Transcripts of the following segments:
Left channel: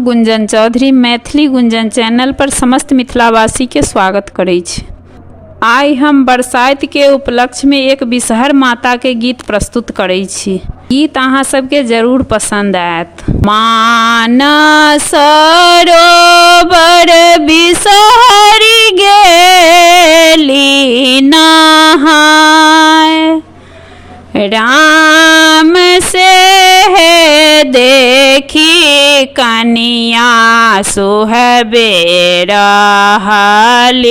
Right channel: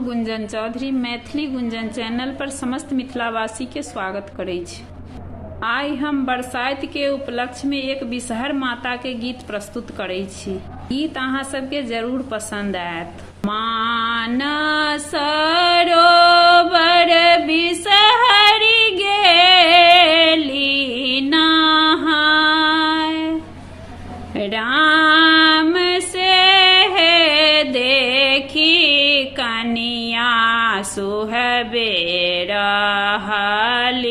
Gunjan Chaudhary Maithili Gunjan channel पर समस्त मिथिलावासी के स्वागत करै छी। आइ हम बरसाइत के उपलक्ष्य में एक बिषहर माता के गीत प्रस्तुत करै छी। गीत अहाँ सबके जरूर पसंद आयत। मानस सरोवर बिषहरि गेली नहाय, राम से देखी कनिया सुहबे रहली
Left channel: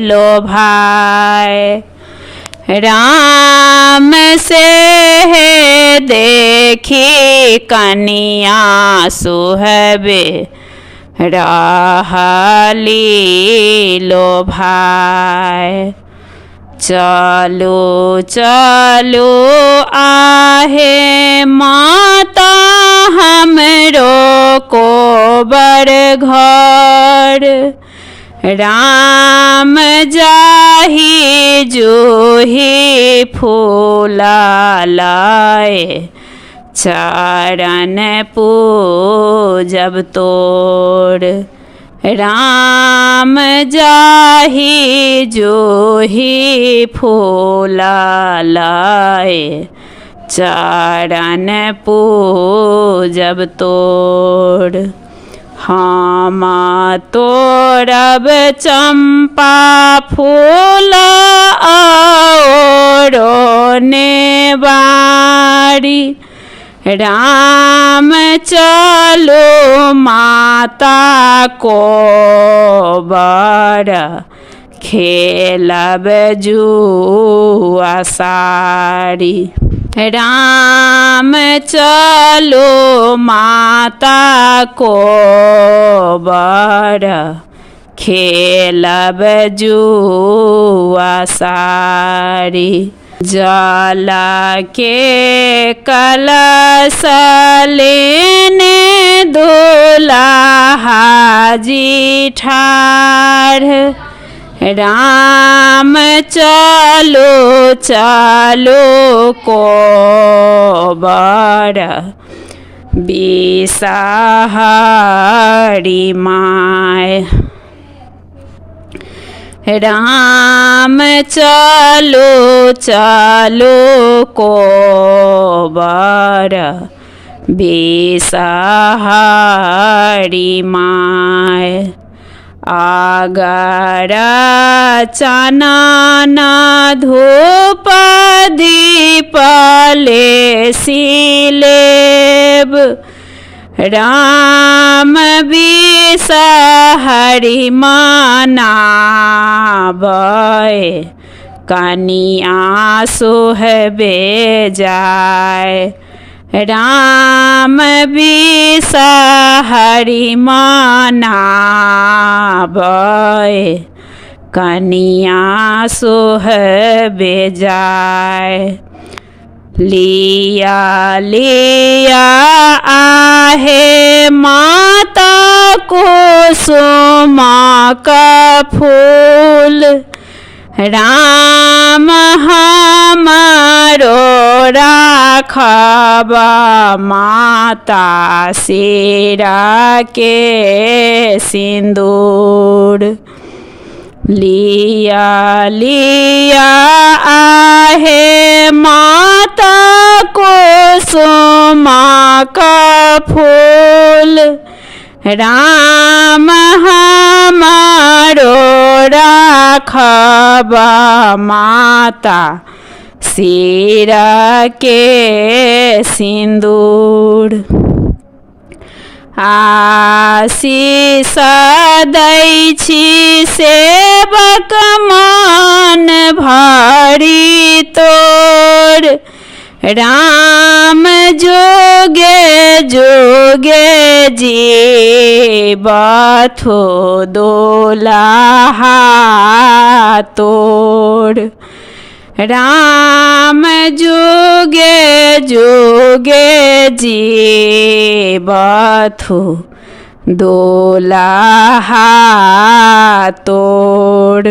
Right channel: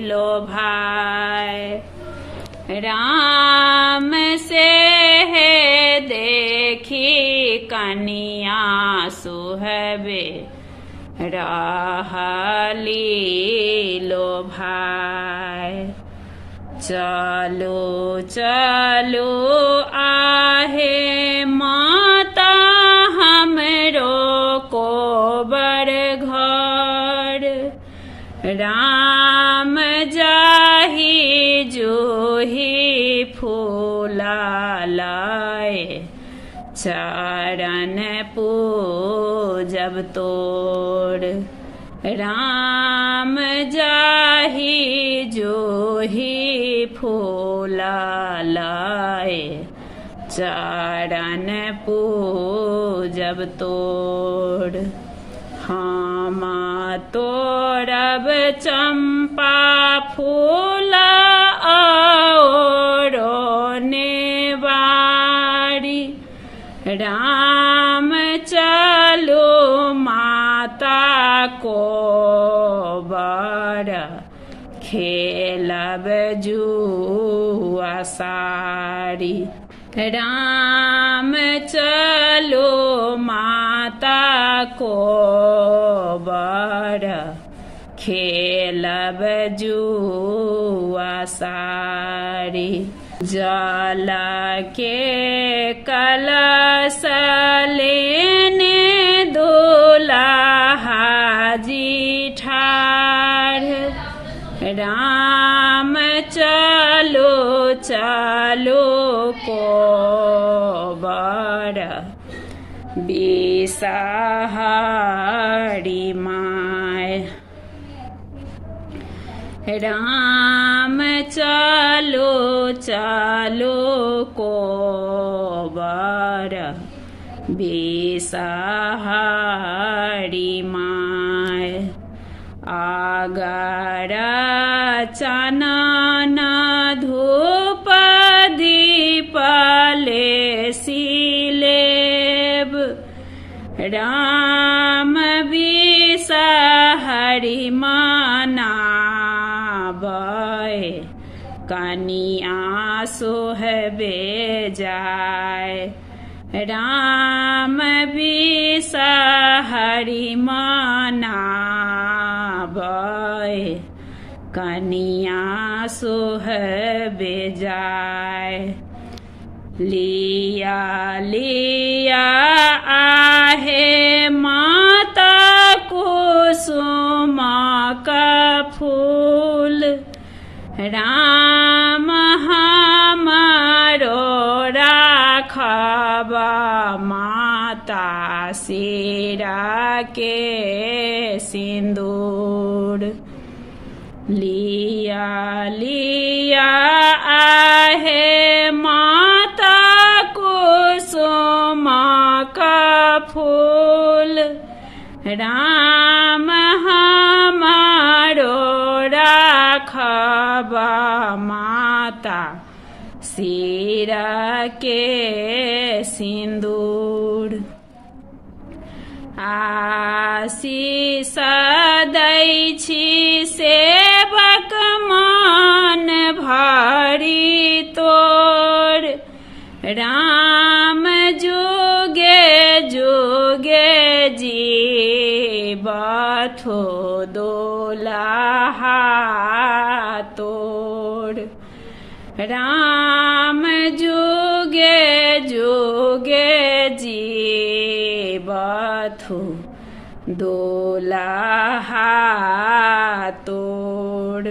लोभाय। राम से देखी कनिया सुहबे रहली लोभाय। चलो चलो आहे माता हमरो को बर घर, राम जाही जूही फूला लाए, चरण पूजब तोर। राम जाही जूही फूला लाए, चरण पूजब तोर। हम तोरब चंपा फूला औरो नेवारी, राम चलो माता को बर, खेलब जुआ सारी। राम चलो माता को बर, खेलब जुआ सारी। जल के कलश लेने दुल्हा जी ठाढ़, राम चलो चलो को बर, बिषहरि माय। राम चलो चलो को बर, बिषहरि माय। अगर चनन धूप दीप लेसी लेब, राम बिषहरि मनाबै, कनिया सोहबे जाय। राम बिषहरि मनाबै, कनिया सोहबे जाय। लिया लिया आहे माता कुसुम का फूल, राम हमारो राखब माता सिरा के सिंदूर। लिया लिया आहे माता कुसुम का फूल, राम हमारो राखब माता सिरा के सिंदूर। आशीष दै छी सेवक मन भरी तोर, राम जोगे जोगे जीवथो दुल्हा तोर। राम जोगे जोगे जीवथो दुल्हा तोर।